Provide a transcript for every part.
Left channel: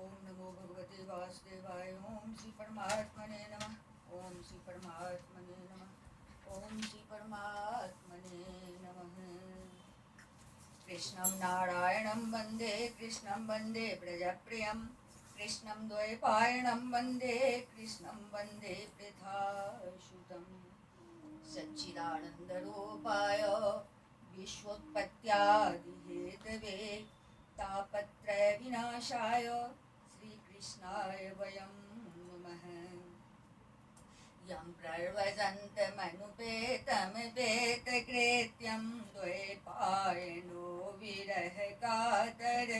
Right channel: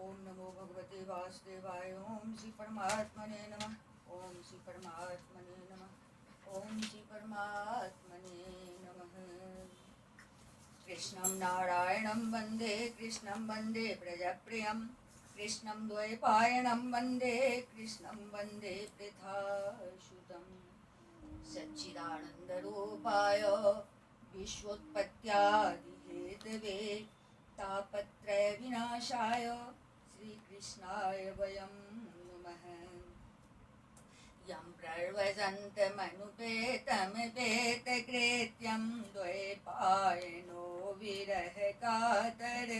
ओम नमो भगवते वासुदेवाय। ओम श्री परमात्मने नमः। ओम श्री परमात्मने नमः। ओम श्री परमात्मने नमः। कृष्णं नारायणं वन्दे कृष्णं वन्दे प्रजप्रियं कृष्णं द्वैपायनं वन्दे कृष्णं वन्दे पृथासुतं सच्चिदानन्दरूपाय विश्वोत्पत्त्यादिहेतवे तापत्रयविनाशाय श्रीकृष्णाय वयं नमः। यं प्रव्रजन्तमनुपेतमपेतकृत्यं द्वैपायनो विरहकातर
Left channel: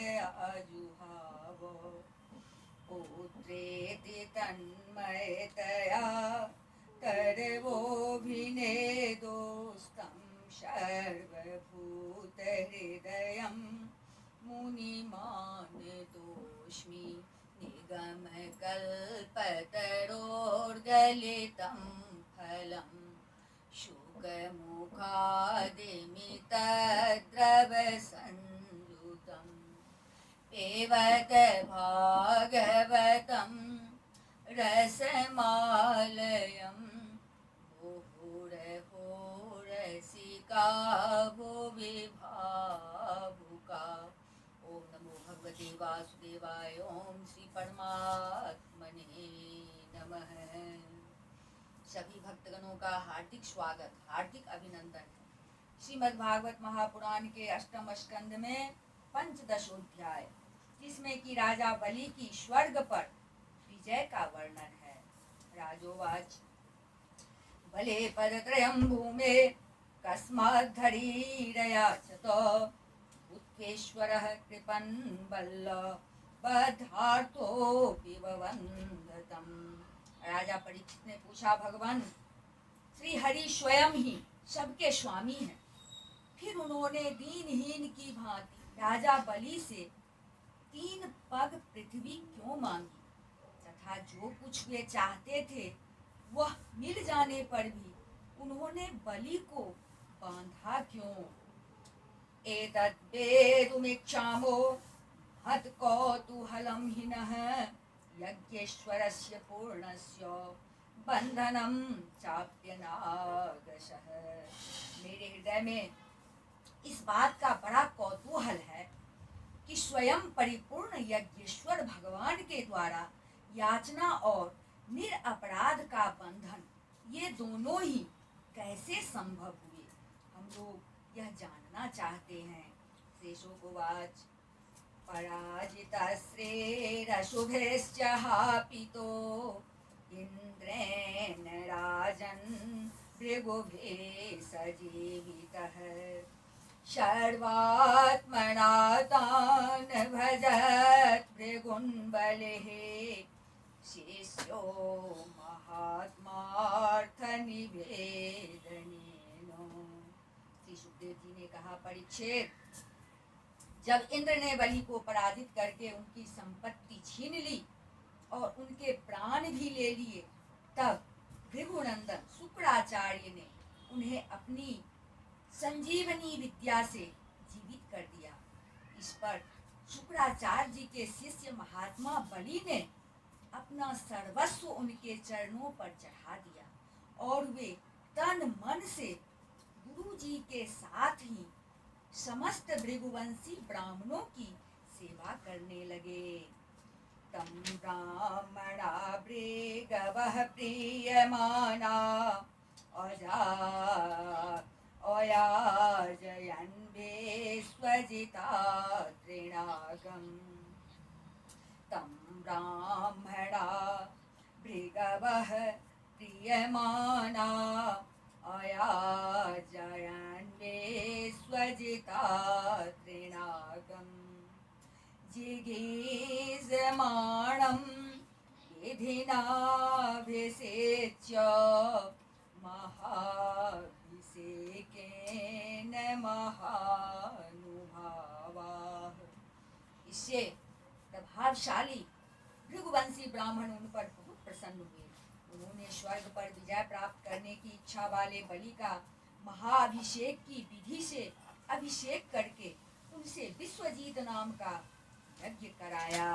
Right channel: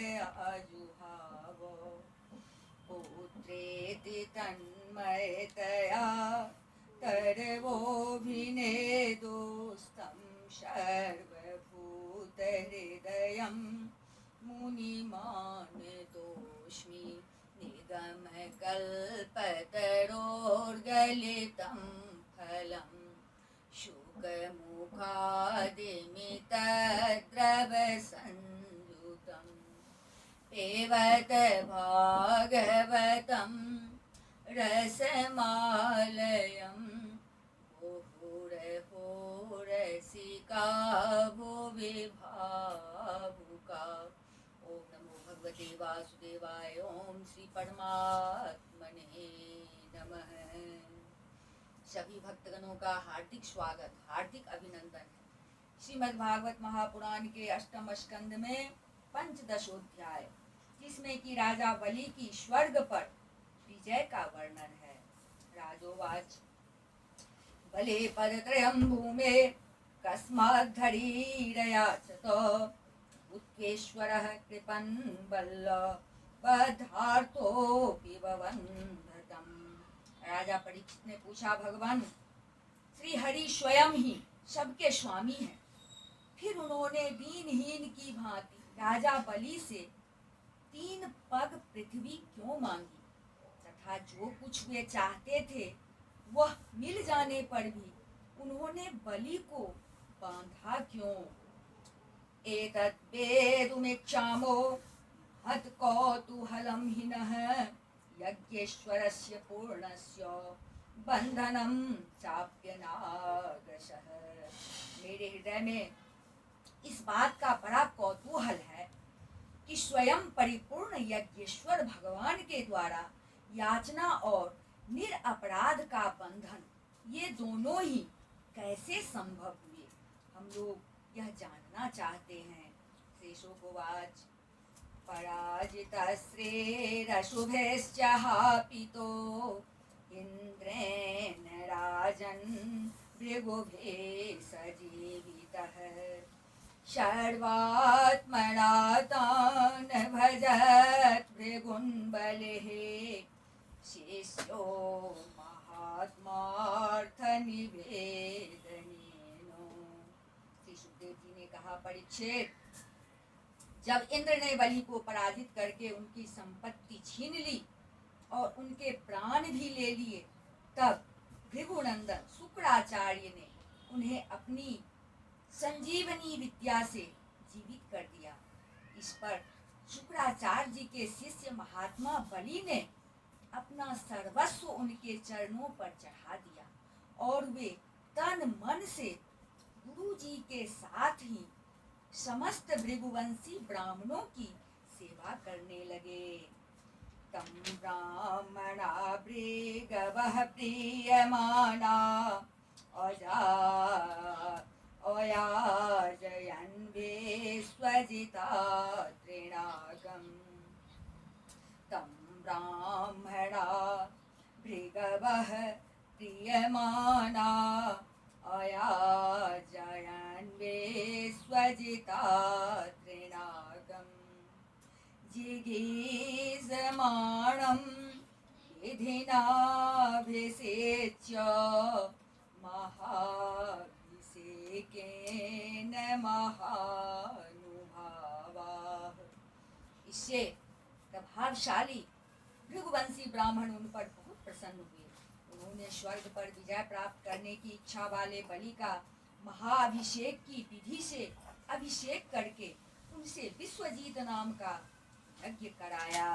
आजुहाव पुत्रेति तन्मयतया तरवोऽभिनेदोस्तं सर्वभूतहृदयं मुनिमानतोऽस्मि निगमकल्पतरोर्गलितं फलं शुकमुखादिमितद्रवसंयुतम् पेवत भागवतं रसमालयं मुहुरहो रसिका भुवि भावुका। ओम नमो भगवते वासुदेवाय। ओम श्री परमात्मने नमः। सभी भक्तगणों का हार्दिक स्वागत, हार्दिक अभिनंदन है। श्रीमद् भागवत महापुराण के अष्टम स्कंद में पंचदशोध्याय, जिसमें कि राजा बलि की स्वर्ग पर विजय का वर्णन है। राजोवाच बले पदत्रयं भूमे कस्माद्धरीरयाचत उत्केश्वरः कृपन् बद्धार्थोऽपि ववन्धतम्। राजा परीक्षित ने पूछा, भगवान श्री हरि स्वयं ही सबके स्वामी हैं, फिर उन्होंने दीनहीन की भांति राजा बलि से 3 पग पृथ्वी क्यों मांगी, तथा जो कुछ वे चाहते थे वह मिल जाने पर भी उन्होंने बलि को बांधा क्यों। एतत् वेदुमिच्छामो हत कौतूहलं हिनः यज्ञेश्वरस्य पूर्णस्य बंधनं चाप्यनागशः। मेरे हृदय में इस बात का बड़ा कौतूहल है कि स्वयं परिपूर्ण यज्ञेश्वर भगवान के द्वारा याचना और निरपराध का बंधन, ये दोनों ही कैसे संभव हुए, हम लोग यह जानना चाहते हैं। शेषोवाच पराजितश्रेरशुभेश्च हापितो इन्द्रेण राजन् भृगुभे सजीवितः सर्वात्मना तान् भजत् भृगुन् बलिः शिष्यो महात्मार्थनिवेदनेन। श्री सुखदेव जी ने कहा, परीक्षित, जब इंद्र ने बलि को पराजित करके उनकी संपत्ति छीन ली और उनके प्राण भी ले लिए, तब भृगुनंदन शुक्राचार्य ने उन्हें अपनी संजीवनी विद्या से जीवित कर दिया। इस पर शुक्राचार्य जी के शिष्य महात्मा बलि ने अपना सर्वस्व उनके चरणों पर चढ़ा दिया और वे तन मन से गुरु जी के साथ ही समस्त भृगुवंशी ब्राह्मणों की सेवा करने लगे। तम ब्राह्मणा भृगवः प्रीयमाना अयाजयन् विश्वजिता तृणागम्। तं ब्राह्मणा भृगवः प्रीयमाना अयाजयन् विश्वजिता तृणागम्। जिगीषमाणं विधिनाभिषेच्य महाभिषेकेन महानुभावाः। इससे प्रभावशाली भृगुवंशी ब्राह्मण उन पर बहुत प्रसन्न हुए। उन्होंने स्वर्ग पर विजय प्राप्त करने की इच्छा वाले बलि का महाअभिषेक की विधि से अभिषेक करके उनसे विश्वजीत नाम का यज्ञ कराया।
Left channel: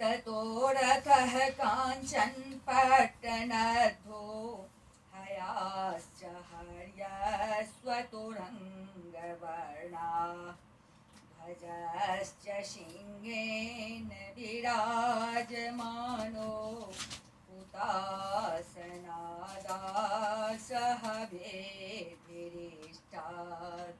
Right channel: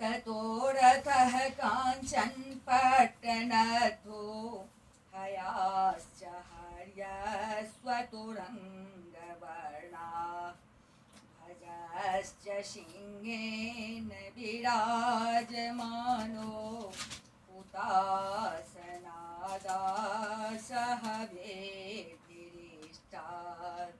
ततो रथः काञ्चन पट्टनद्धो हयाश्च हर्यस्वतुरङ्गवर्णा ध्वजश्च सिंहेन विराजमानो हुतासनादासः वेभिरिष्टात्।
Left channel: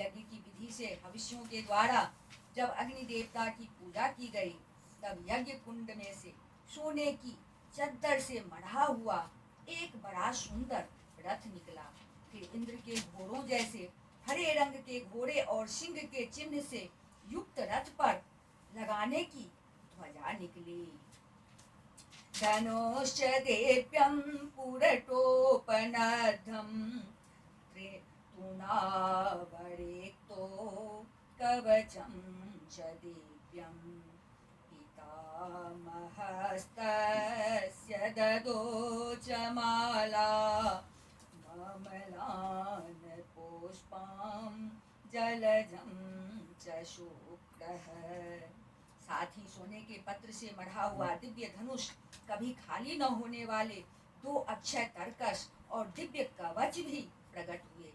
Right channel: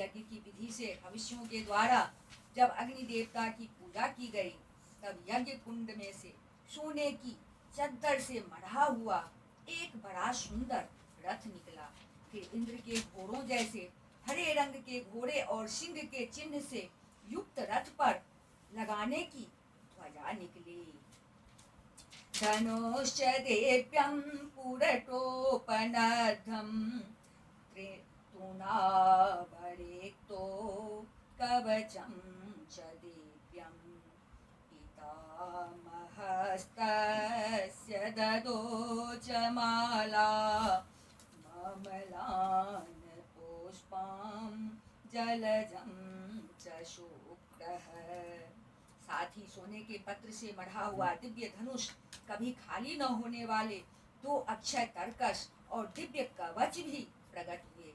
यज्ञ की विधि से हविष्यों के द्वारा जब अग्नि देवता की पूजा की गई, तब यज्ञ कुंड में से सोने की चद्दर से मढ़ा हुआ एक बड़ा सुंदर रथ निकला। फिर इंद्र के घोड़ों जैसे हरे रंग के घोड़े और सिंह के चिन्ह से युक्त रथ पर लगाने की ध्वजा निकली। धनुश्च देव्यं पुरटोपनद्धं त्रितुनावरेक्तो कवचं च दिव्यं पितामहस्तस्य ददो च माला ममलान् पुष्पां जलजं च शुक्रः। साथ ही सोने के पत्र से मढ़ा हुआ दिव्य धनुष, कभी खाली न होने वाले 2 अक्षय तरकश और दिव्य कवच भी प्रकट हुए।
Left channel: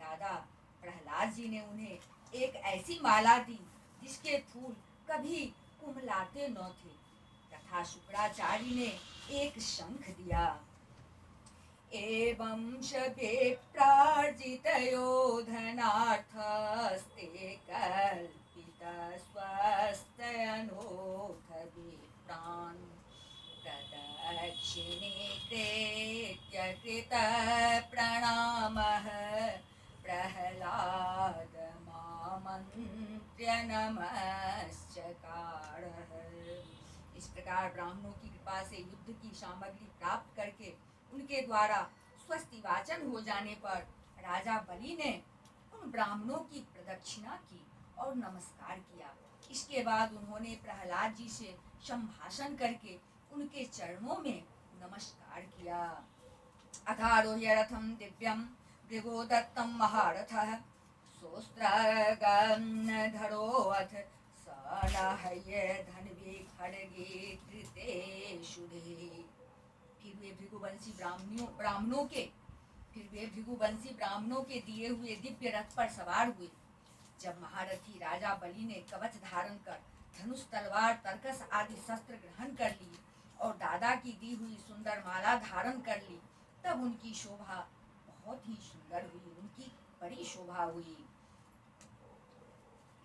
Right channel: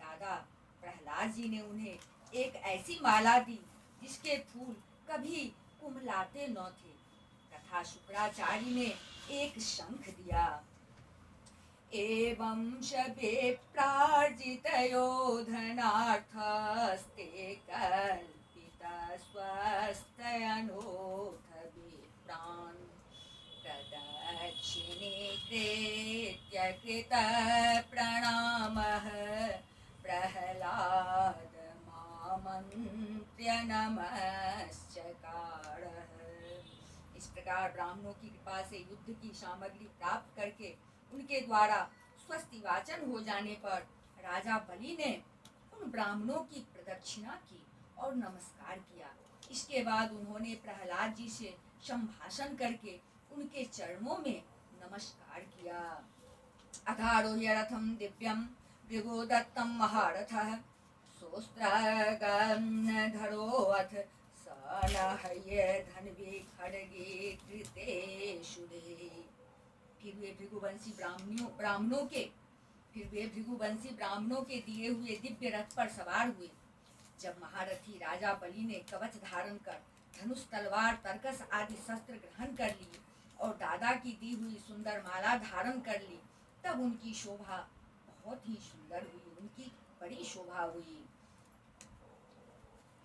दादा प्रहलाद जी ने उन्हें एक ऐसी माला दी जिसके फूल कभी कुमलाते न थे, तथा शुक्राचार्य ने एक शंख दिया। एवं शबे प्रार्जितयो धनार्थस्ते कल्पिता स्वस्तयनोथ विप्रान् प्रदक्षिणे कृत्य कृत प्रणामः प्रहलाद मामन्त्र्य नमश्चकारः। इस प्रकार ब्राह्मणों की कृपा से युद्ध की सामग्री प्राप्त करके उनके द्वारा स्वस्ति वाचन हो जाने पर राजा बलि ने उन ब्राह्मणों की प्रदक्षिणा की और नमस्कार किया। इसके बाद उन्होंने प्रहलाद जी से संभाषण करके उनके चरणों में नमस्कार किया। अथारोह्य रथं दिव्यं भृगुदत्तं महारथः सोऽस्त्रगन्धरोऽथ सनहय धन्वी खड्गे कृते शुभे। फिर वे भृगुवंशी ब्राह्मणों के दिए हुए दिव्य रथ पर सवार हुए। जब महारथी राजा बलि ने कवच धारण कर धनुष तलवार तरकस आदि शस्त्र ग्रहण कर लिए और दादा की दी हुई सुंदर माला धारण कर ली, तब उनकी शोभा बहुत ही सुंदर हुई, उनकी बड़ी शोभा हुई।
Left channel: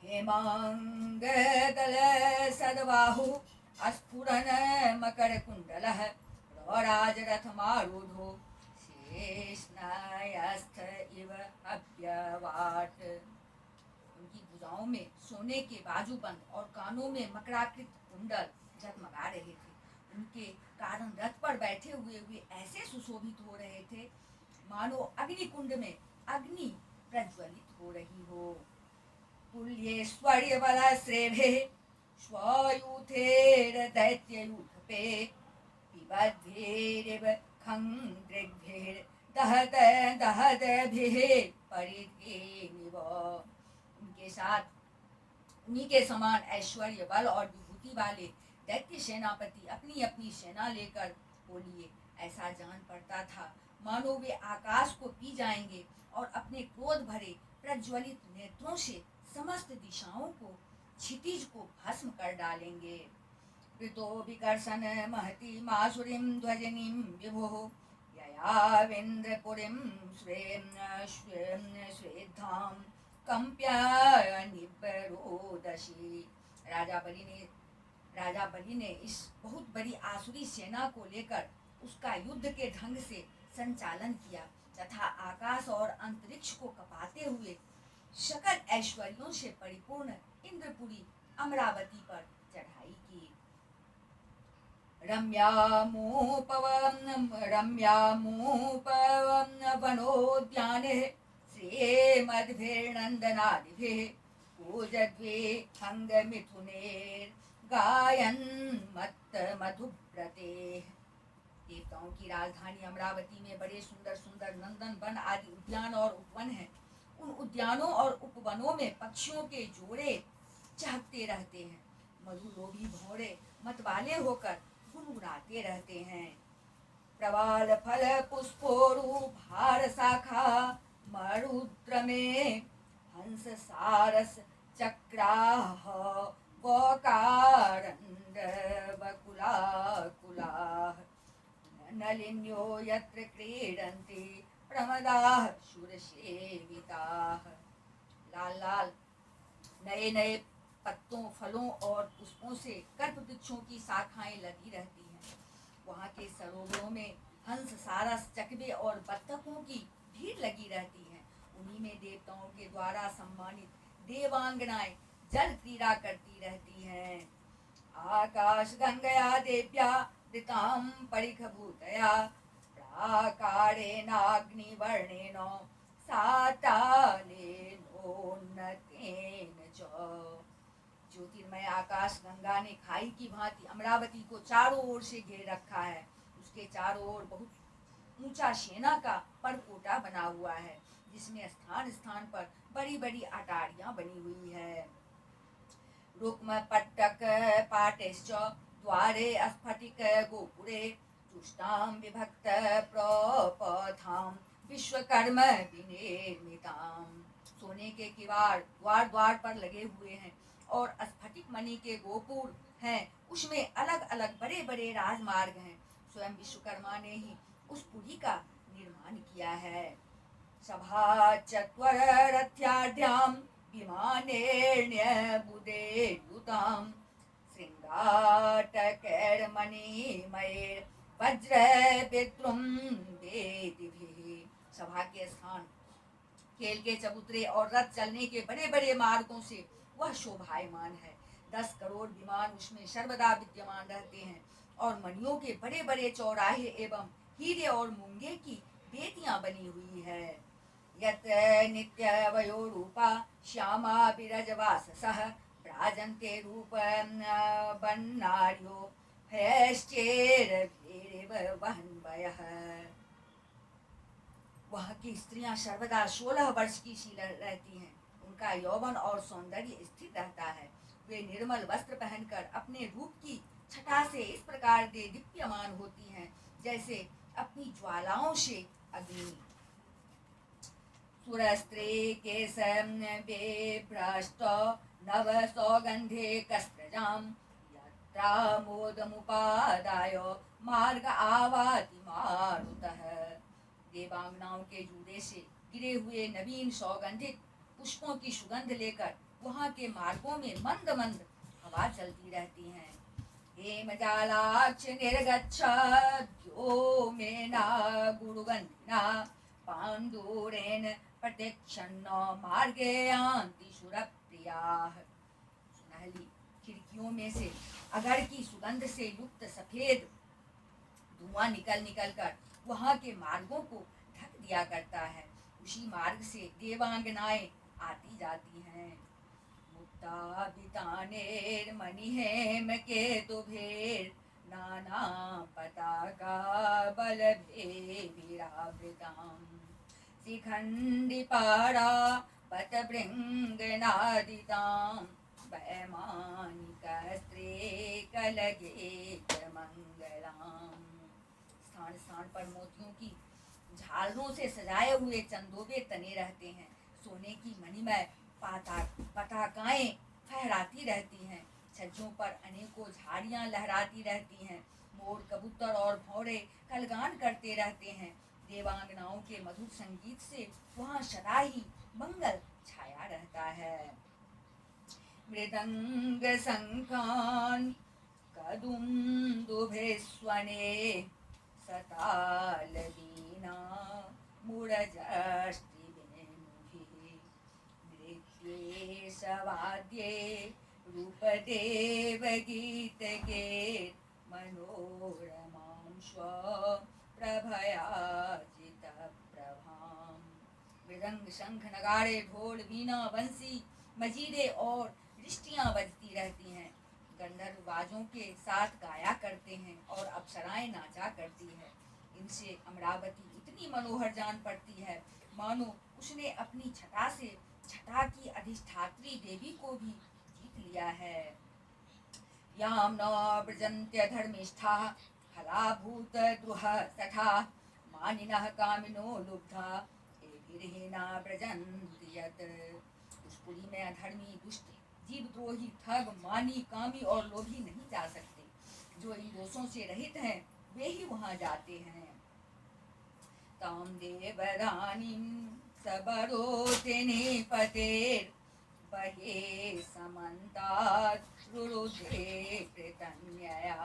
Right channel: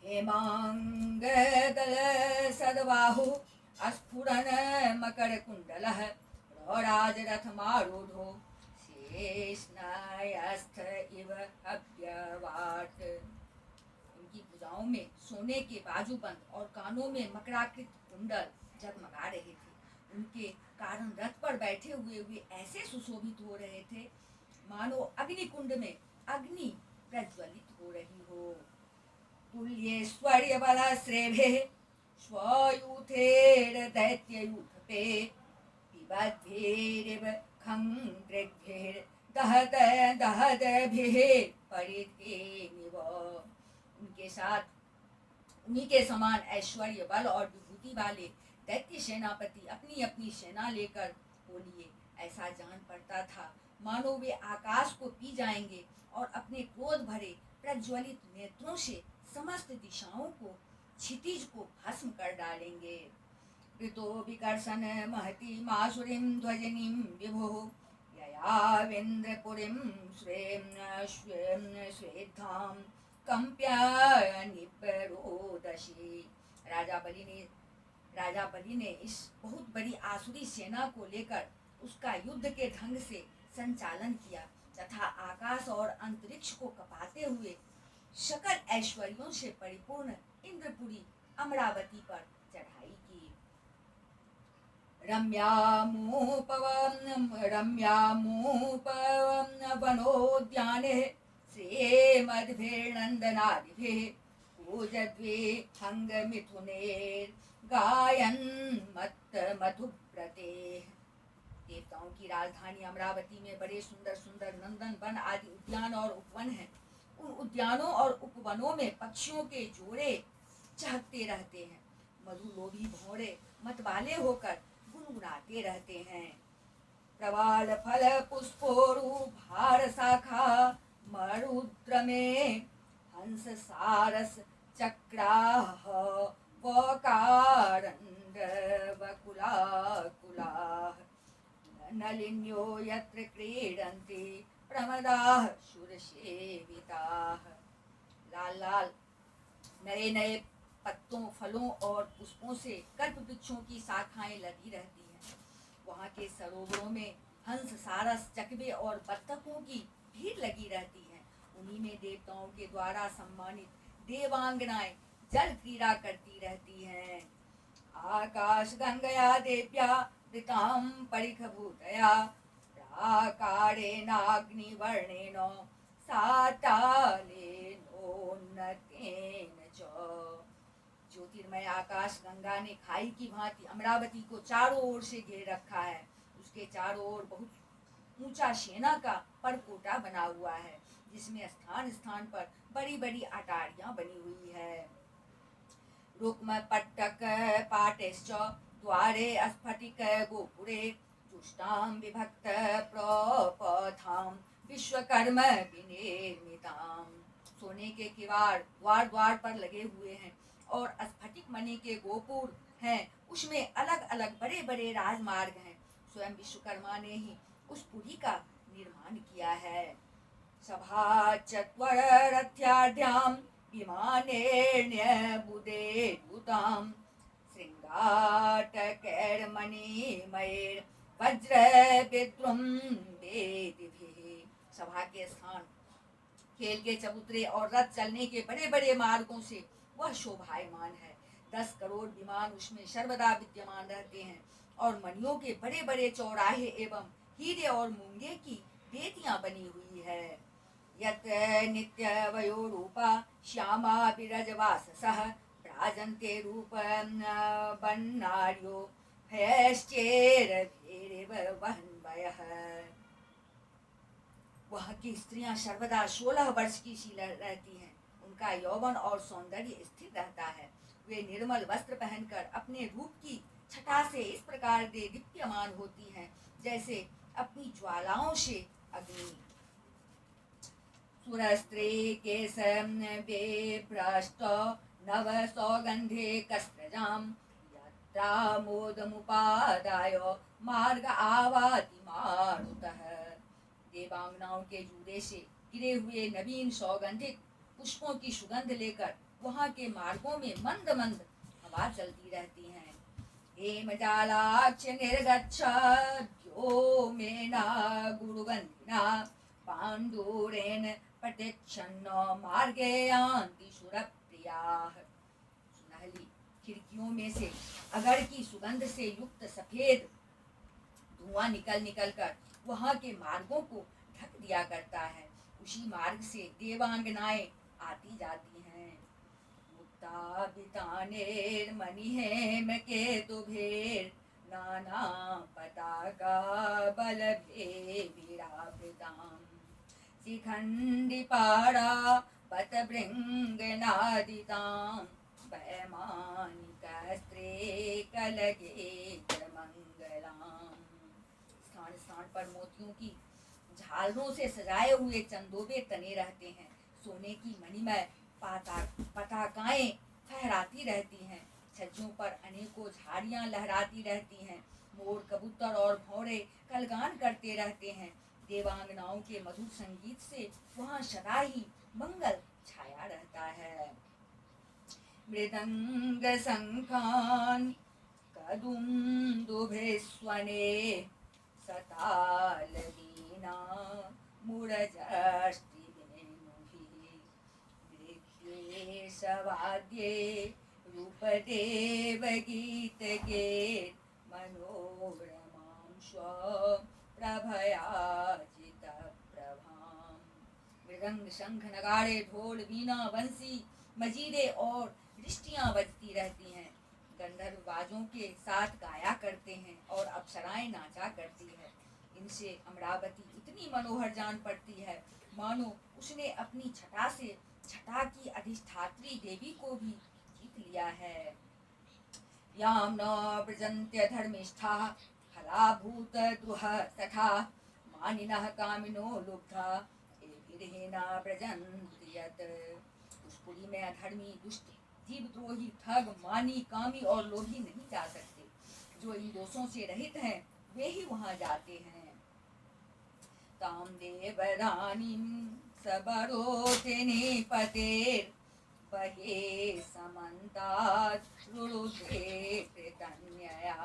हेमांगदल सद्बाहु अस्फुरन मकर कुंडलः राजरथमारूढ़ो शेषनायस्थ इव अव्यवाट। उनकी भुजाओं में सोने के बाजूबंद और कानों में मकराकृत कुंडल जगमगा रहे थे। उनके कारण रथ पर बैठे हुए वे ऐसे सुशोभित हो रहे थे मानो अग्निकुंड में अग्नि प्रज्वलित हो रही हो। तुल्येश्वर्य बल श्रेभे स्वयूथेर दैत्ययूथपे पिबद्भिरिव खंग्रेभ्भिर दहद दहदभिः परिकेनिव। उनके साथ उन्हीं के समान ऐश्वर्य बल और विभूति वाले दैत्य सेनापति अपनी अपनी सेना लेकर बोलिए। ऐसा जान पड़ता था मानो वे आकाश को पी जाएंगे और अपने क्रोध भरे प्रज्वलित नेत्रों से समस्त दिशाओं को क्षितिज को भस्म कर डालेंगे। कृतो विकर्षण महती मासुरीं ध्वजनीं विभुः ययावेन्द्रपुरीं स्वेद्धां कंप्य निबरोदशी। राजा बलि ने इस बहुत बड़ी आसुरी सेना को लेकर उसका युद्ध के ढंग से संचालन किया तथा आकाश और अंतरिक्ष को कपाते हुए सकल ऐश्वर्यों से परिपूर्ण इंद्रपुरी अमरावती पर चढ़ाई की। रम्यामूपवनोद्याने श्रीमद्भिर्नन्दनादिभिः पूजद्वे हंगमिथुनेर्गायन् मत्तमधुव्रते। देवताओं की राजधानी अमरावती में बड़े सुंदर सुंदर नंदन वन आदि उद्यान और उपवन हैं। उन उद्यानों और उपवनों में पक्षियों के जोड़े चहकते रहते हैं। मधुलोभी भौरे मतवाले होकर गुनगुनाते रहते हैं। प्रवाल फल पुष्पोरु भार शाखा मरुद्र में हंस सारस चक्राह वकारंड वकुलाकुलाः नलिन्यो यत्र क्रीडन्ति प्रमदाः शूरसेविताः। लाल लाल नए नए पत्तों, फलों और पुष्पों से कल्प वृक्षों की शाखाएं लगी रहती हैं। वहाँ के सरोवरों में हंस, सारस, चकवे और बत्तखों की भीड़ लगी रहती है। उन्हीं में देवताओं के द्वारा सम्मानित देवांगनाएं जल क्रीड़ा करती रहती हैं। आकाश गंगया देव्या वृतां परिखभूतया प्राकारेणाग्निवर्णेन सातालेनोन्नतेन च। ज्योतिर्मय आकाश गंगा ने खाई की भांति अमरावती को चारों ओर से घेर रखा है। उसके चारों ओर बहुत ऊंचा सेना का परकोटा बना हुआ है, जिसमें स्थान स्थान पर बड़ी बड़ी अटारियां बनी हुई है। रुक्म पट्टक पाटेश्च द्वारे स्फटिक गोपुरे तुष्टां विभक्त प्रपथां विश्वकर्म विनिर्मितां। सोने के किवाड़ द्वार द्वार पर लगे हुए हैं और स्फटिक मणि के गोपुर हैं। उसमें अलग अलग बड़े बड़े राजमार्ग हैं। स्वयं विश्वकर्मा ने ही उस पुरी का निर्माण किया है। सभा चत्वर रथ्याढ्यां विमानेर्न्यबुधेर्युतां श्रृंगाटकैर्मणिमयैर्वज्रविद्रुमवेदिभिः। सभा के स्थान, खेल के चबूतरे और रथ चलने के बड़े बड़े मार्गों से वह शोभायमान है। 10 करोड़ विमान उसमें सर्वदा विद्यमान रहते हैं और मणियों के बड़े बड़े चौराहे एवं हीरे और मूंगे की बेतियां बनी हुई है। यत नित्यवयो रूपा श्यामा विरजवाससः प्राजन्ते रूप बन्नार्यो हैश्चेरभिरेव वहन्वयः। वहाँ की स्त्रियां सर्वदा 16 वर्ष की सी रहती हैं। उनका यौवन और सौंदर्य स्थिर रहता है। वे निर्मल वस्त्र पहनकर अपने रूप की छटा से इस प्रकार से दीप्यमान होती हैं, जैसे अपनी ज्वालाओं से अग्नि। सुरस्त्रे केशं बेभ्रष्ट नव सौगंधे कस्त्रजां यत्रामोदमुपादाय मार्ग आवाति मारुतः। देवांगनाओं के जूड़े से गिरे हुए नवीन सौगंधिक पुष्पों की सुगंध लेकर वहाँ के मार्गों में मंद मंद हवा चलती रहती है। हेमजालाक्ष निर्गच्छद्योमेना गुरुगन्धिना पाण्डुरेण प्रत्यक्षन्न मार्गे यान्ति सुरप्रियाः। सुनहली खिड़कियों में से अगर की सुगंध से युक्त सफेद धुआं निकल निकल कर वहाँ के मार्गों को ढक दिया करता है। उसी मार्ग से देवांगनाएं आती जाती हैं। मुक्ताभितानेर्मणिहेम केतुभिर् नाना पताका बलभेभिरावृतां शिखण्डिपारा पतभृङ्गनादितां वैमानिकस्त्रे कलगेत्रमङ्गलाम्। स्थान स्थान पर मोतियों की झालरों से सजाए हुए चंदोबे तने रहते हैं। सोने की मणिमय पताकाएं फहराती रहती हैं। छज्जों पर अनेकों झाड़ियां लहराती रहती हैं। मोर, कबूतर और भौरे कलगान करते रहते हैं। देवांगनाओं के मधुर संगीत से वहाँ सदा ही मंगल छाया रहता है। मृदंग शंखान कदुम्दुभिस्वने सताल वीणा मुरजष्टिवेणुभिः नृत्ये सवाद्ये रूपदेव गीतगे मनोरमां स्वप्रभयाजितप्रभां। मृदंग, शंख, नगाड़े, ढोल, वीणा, बंसी, मजीरे और दृष्टियां बजती रहती हैं। गंधर्व बाजों के साथ गाया करते हैं और अप्सराएं नाचा करती है। इनसे अमरावती इतनी मनोहर जान पड़ती है मानो उसने अपनी छटा से छटा की अधिष्ठात्री देवी को भी जीत लिया है। यां न व्रजन्त्य धर्मिष्ठाः फलाभूत द्रुह सखा मानिनः कामिनो लुब्धा एभिर्हीना व्रजन्ति यत्। उस पुरी में अधर्मी, दुष्ट, जीवद्रोही, ठग, मानी, कामी और लोभी नहीं जा सकते। जो इन दोषों से रहित हैं वे ही वहां जाते हैं। ताम देवरानीं सबरोते निपतेर बहे समन्तात् रुरुधे कृतन्यया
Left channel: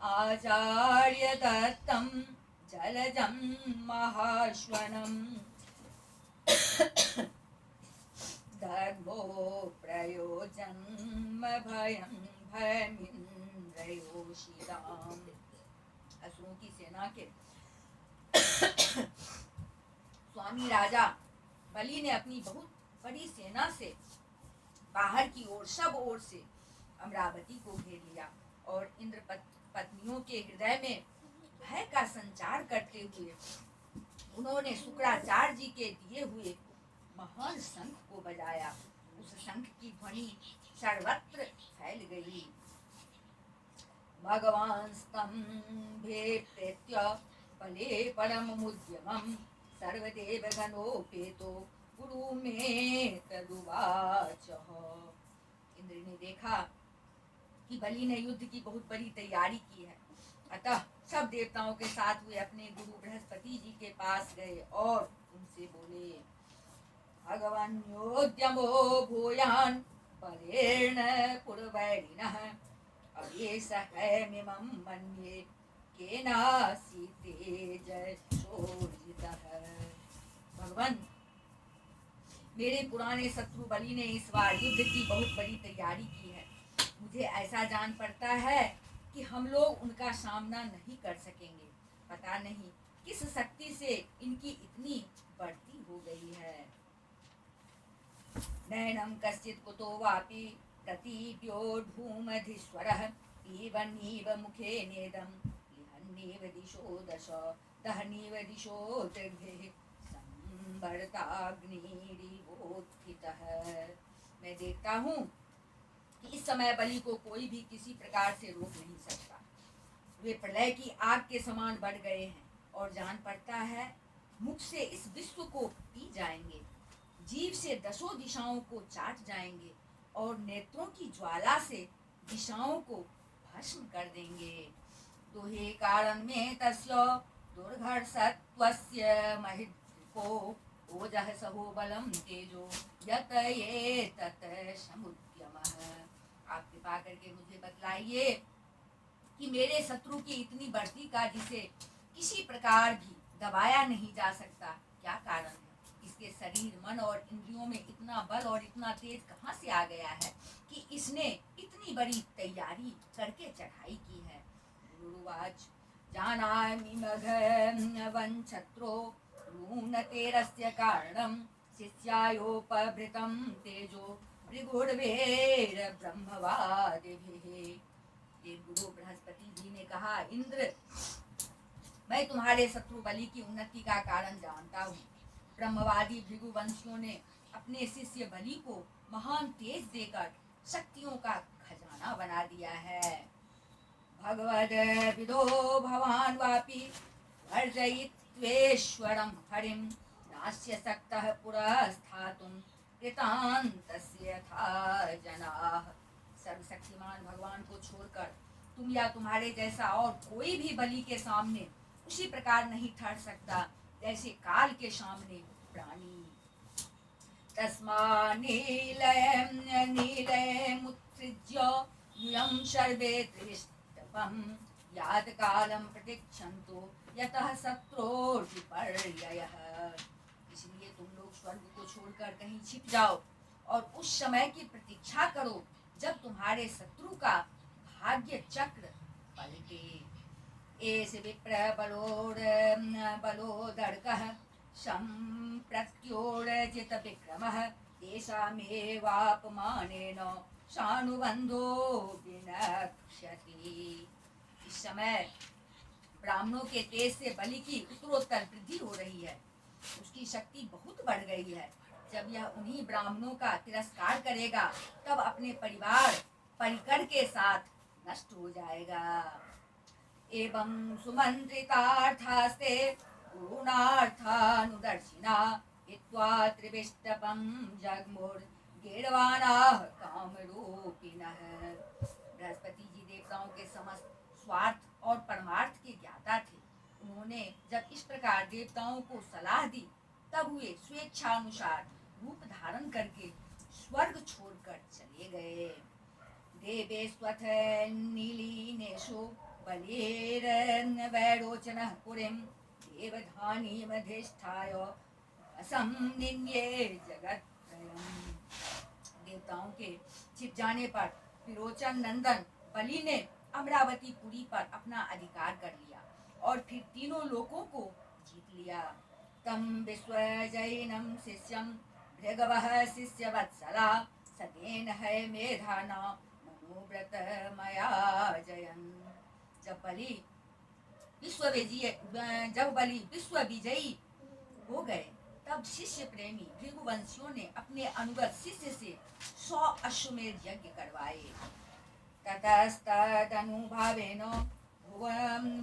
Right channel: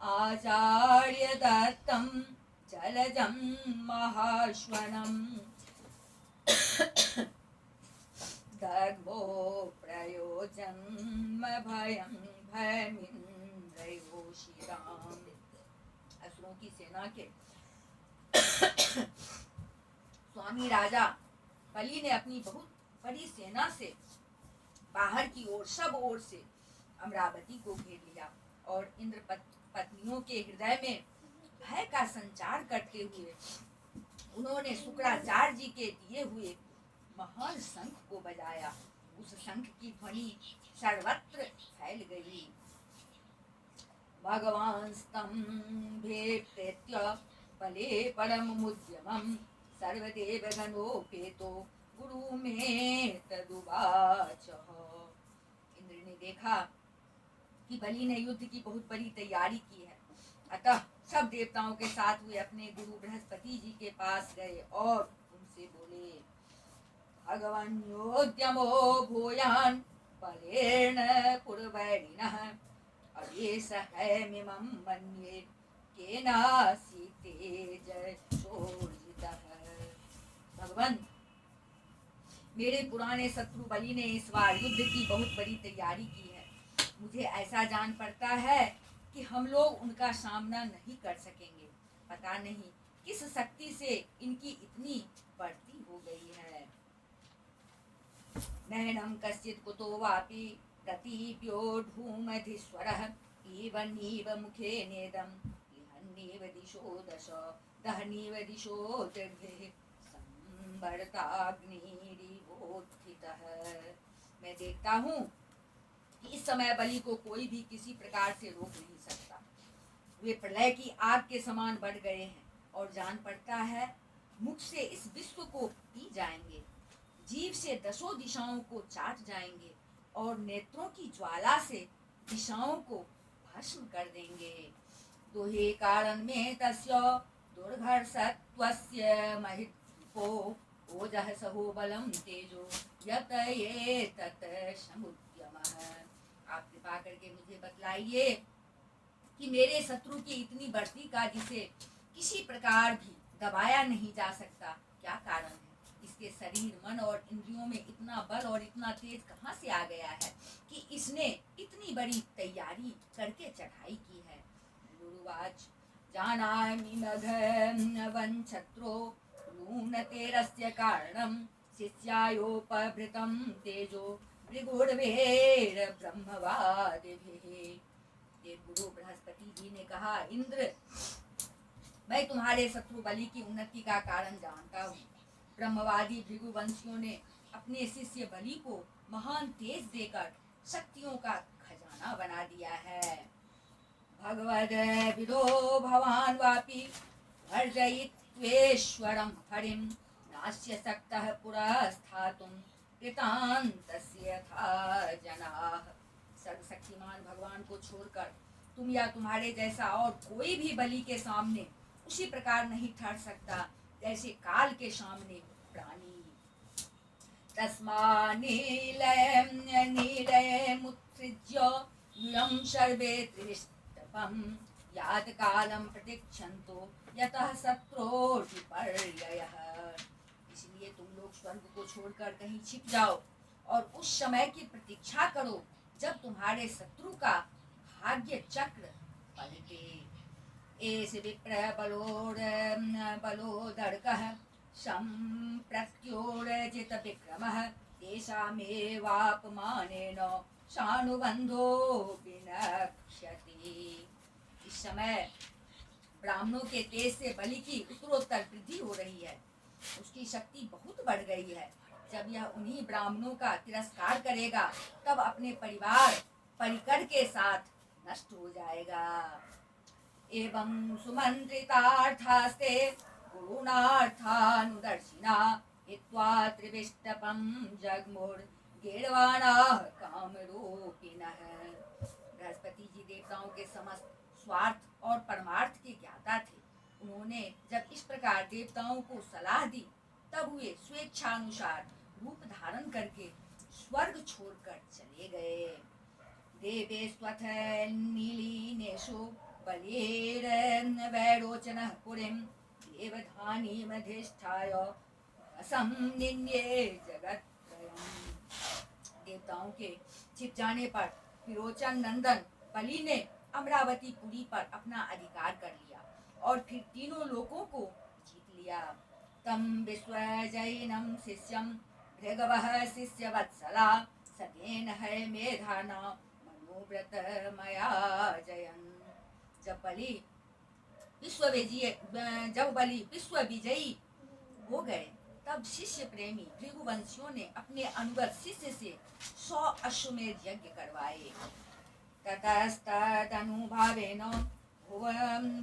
आचार्य दत्तं जलजं महाश्वनं दर्भो प्रयोजन्म भयं भयमिन्द्रयोषिताम्। असुरों की सेना के स्वामी राजा बलि ने अपनी बहुत बड़ी सेना से बाहर की ओर, सब ओर से अमरावती को घेर लिया और इंद्र पत्नियों के हृदय में भय का संचार करते हुए उन्होंने शुक्राचार्य जी के दिए हुए महान शंख को बजाया। उस शंख की ध्वनि सर्वत्र फैल गई। भगवान स्तंभे प्रेत्य बले परम मुद्यमं सर्वदेव गणोपेतो गुरु में तदुवाच। इंद्र ने देखा कि बलि ने युद्ध की बहुत बड़ी तैयारी की है, अतः सब देवताओं के साथ वे अपने गुरु बृहस्पति जी के पास गए और उनसे बोले, भगवन्योद्यमो भूयान बलेन कुर्वैरिणः अवेशहैमिमं मन्ये केनासि तेजसोर्जितः। भगवान, मेरे पुराने शत्रु बलि ने इस बार युद्ध की बहुत बड़ी तैयारी की है। मुझे ऐसा जान पड़ता है कि हम लोग उनका सामना नहीं कर सकेंगे। पता नहीं किस शक्ति से इनकी इतनी बढ़ती हो गई है। नैनं कश्चित् कुतो वापि प्रतीप्यो धूमधीश्वरः इवन्नीव मुखे नेदं लिहन्नीव दिशो दश दहनीव दिशो त्रिभिः संवर्ताग्निरिवोत्थितः। मैं देखता हूँ कि इस समय बलि को कोई भी किसी प्रकार से रोक नहीं सकता। वे प्रलय की आग के समान बढ़ गए हैं और जान पड़ता है मुख से इस विश्व को पी जाएंगे, जीव से दसों दिशाओं को चाट जाएंगे और नेत्रों की ज्वाला से दिशाओं को भस्म कर देंगे। दोहे कारण में तस्य दुर्घर्षत्वस्य महित्को ओजः सहो बलं तेजो यत एतत् समुद्यमः। आप कृपा करके मुझे बतलाइए कि मेरे शत्रु की इतनी बढ़ती का जिसे किसी प्रकार भी दबाया नहीं जा सकता, क्या कारण है? इसके शरीर, मन और इंद्रियों में इतना बल और इतना तेज कहाँ से आ गया है कि इसने इतनी बड़ी तैयारी करके चढ़ाई की है। गुरुवाच जानामि मघवञ्छत्रो लूनतेरस्य कारणं शिष्यायोपभृतं तेजो भृगुर्वेर ब्रह्मवादिभिः। देव गुरु बृहस्पति जी ने कहा, इंद्र, मैं तुम्हारे शत्रु बलि की उन्नति का कारण जानता हूँ। ब्रह्मवादी भृगुवंशियों ने अपने शिष्य बलि को महान तेज देकर शक्तियों का खजाना बना दिया है। भगवद विदो भवान वापि वर्जयित्वेश्वरं हरिं नास्य सक्तः पुरस्थातुं कृतान्तस्य यथा जनाः। सर्वशक्तिमान भगवान को छोड़कर तुम या तुम्हारे जैसा और कोई भी बलि के सामने उसी प्रकार नहीं ठहर सकता जैसे काल के सामने प्राणी। तस्मान्नीलयमुत्सृज्य यूयं सर्वे त्रिविष्टपं यात कालं प्रतीक्षन्तु यतः शत्रोर्विपर्ययः। इसलिए तुम लोग स्वर्ग को छोड़कर कहीं छिप जाओ और उस समय की प्रतीक्षा करो जब तुम्हारे शत्रु का भाग्य चक्र पलटे। एष विप्र बलोदर्कः सम्प्रत्योर्जित विक्रमः तेषामेवापमानेन सानुबन्धो विनक्ष्यति। इस समय ब्राह्मणों के तेज से बलि की उत्तरोत्तर वृद्धि हो रही है। उसकी शक्ति बहुत बढ़ गई है। जब यह उन्हीं ब्राह्मणों का तिरस्कार करेगा तब अपने परिवार परिकर के साथ नष्ट हो जाएगा। एवं सुमंत्रितार्थास्ते गुरुणार्थानुदर्शिना हित्वा त्रिविष्टपं जग्मुर्गीर्वाणाः कामरूपिणः। बृहस्पति जी देवताओं के समस्त स्वार्थ और परमार्थ के ज्ञाता थे। उन्होंने जब इस प्रकार देवताओं को सलाह दी, तब वे स्वेच्छानुसार रूप धारण करके स्वर्ग छोड़कर चले गए। देवेष्वथ नीलीनेषु बलिर्वैरोचनः पुरीं देवधानीमधिष्ठाय असंनिन्ये जगत्त्रयम्। देवताओं के छिप जाने पर विरोचन नंदन बलि ने अमरावती पुरी पर अपना अधिकार कर लिया और फिर तीनों लोकों को जीत लिया। तम विश्वजैनं शिष्यं भृगवः शिष्यवत्सला सतेन है मेधाना मनोव्रत मया जयन्। जब बलि विश्व विजयी हो गए, तब शिष्य प्रेमी भृगुवंशियों ने अपने अनुगत शिष्य से 100 अश्वमेध यज्ञ करवाए। ततस्तदनुभावेन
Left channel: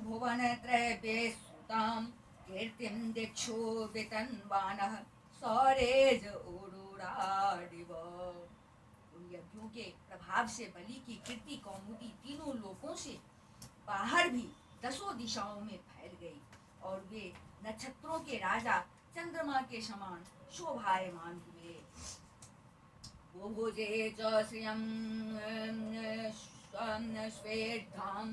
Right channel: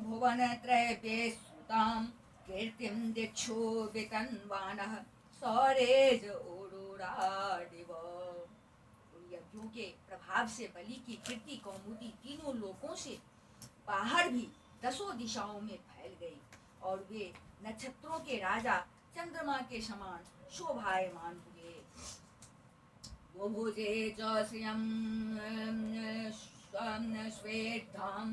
भुवनत्रयेषुतां कीर्तिं दिक्षु वितन्वानः सौरेज उरुराडिव। उन यज्ञों के प्रभाव से बलि की कीर्ति कौमुदी तीनों लोकों से बाहर भी 10 दिशाओं में फैल गई और वे नक्षत्रों के राजा चंद्रमा के समान शोभायमान हुए। बुभुजे च श्रियं स्वेद्धां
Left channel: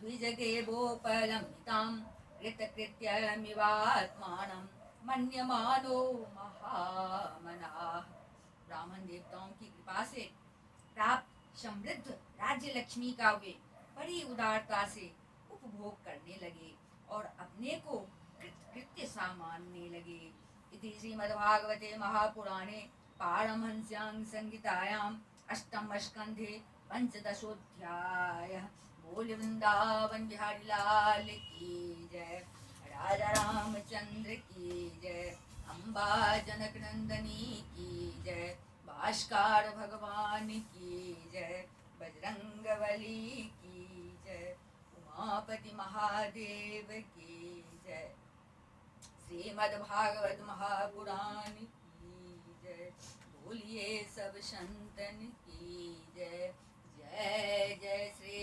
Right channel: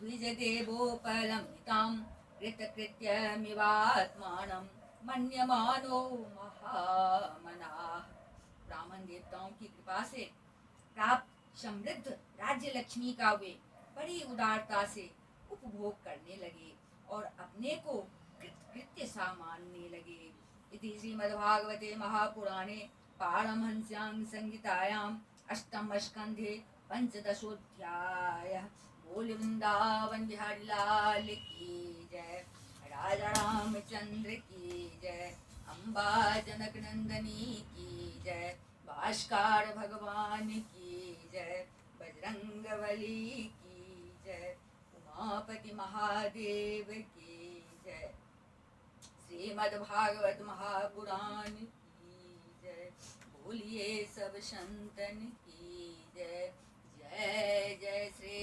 द्विजदेवोपलम्बितां कृतकृत्यमिवात्मानं मन्यमानो महामनाः। ब्राह्मण देवताओं की कृपा से प्राप्त समृद्ध राज्य लक्ष्मी का वे बड़ी उदारता से उपभोग करने लगे और अपने को कृत्य सा मानने लगे। इति श्रीमद्भागवते महापुराणे पारमहंस्यां संहितायां अष्टम स्कंधे पंचदशोऽध्यायः। बोल वृंदावन बिहारी लाल की जय, राजा रामचंद्र की जय, अम्बा जनक नंदनी की जय, भास्कर भगवान की जय, बजरंगबली की जय, उमापति महादेव की जय, श्रीमद्भागवत महापुराण की जय। बोलिए सब संतन की जय। जय जय श्री